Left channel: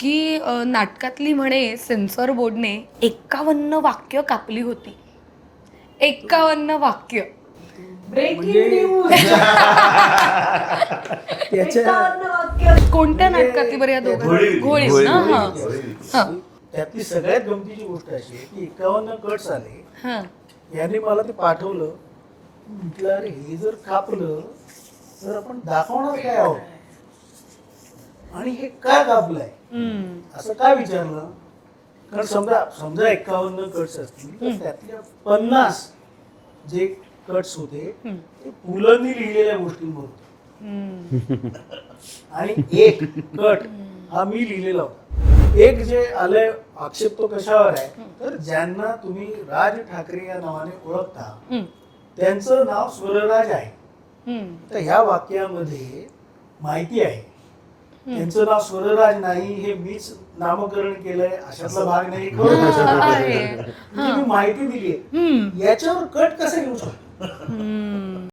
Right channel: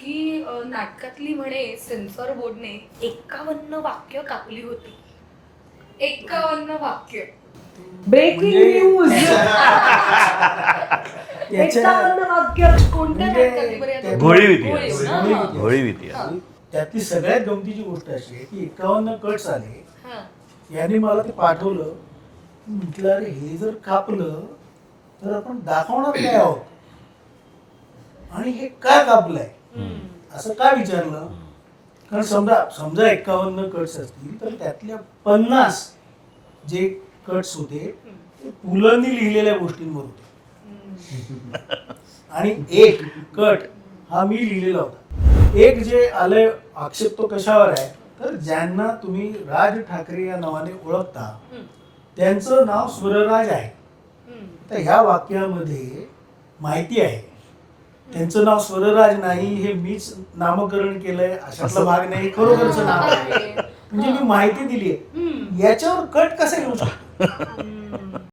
की नाटकातली म्हणे सेन्सॉर बोर्डने एक्कावन्न वाक्य कापली होती. एक्कावन्न वाक्य. ब्रेकिंग म्हणजे- न्यूज त्याच्या कोणत्या म्हणजे नाटकातली बरं या दोघं? होती. हा. त्यातली सगळ्यात गमतीची गोष्ट अशी आहे की एकावन्न कट्स आले. हा. यांनी मला ते पाठवलं. म्हटलं अरे हे जर कापलं तर आपण दाखवणार काय आहोत? आणि हे का कापलंय. असं का विचारलं कारण समजा समजा एकावन्न कट्स असतील तर त्यातल्या पन्नास जे कट्स होते. ते पुलंनी लिहिलेल्या गोष्टींवर होते. आणि एक कट हा मी लिहिलेला होता एक जे आलंय आक्षेप तो कशावर आहे तर ज्यांना तुम्ही राज ठाकरे या नावाने ओळखता. त्यांचं नाव स्वरराज आहे. तर ह्या वाक्यामध्ये माहिती आहे त्यांचं नाव स्वरराज नाही हे मीच नामकरण केलंय अशातला भाग नाही खरोखरचं नाव आहे. म्हणजे मी माहिती दिली. याच्यावर कट कसा येऊ शकतो.